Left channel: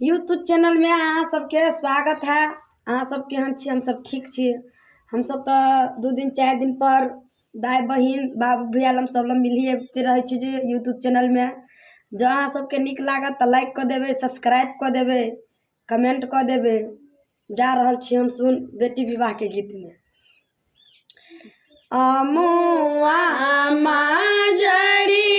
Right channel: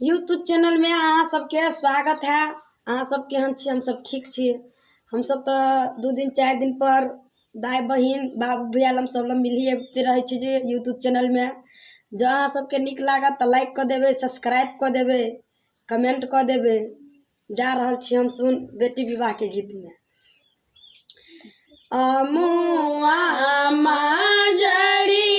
YouTube channel में अहाँ सबके स्वागत है। अहाँ सब केहन छी? हम सब ठीक छी। हम सब तो 2 दिन 4 दिन पर दाई बहिन बाबू भैया लम सब लम मिलिए रहे छी जे यूट्यूब चैनल में। जो अहाँ सबके निक लागत तो लाइक कर देवे, सब्सक्राइब कर देवे, कमेंट कर देवे। जा रहल छी हम सुन बेटी विवाह के गीत में। अमुआ माँ जड़ी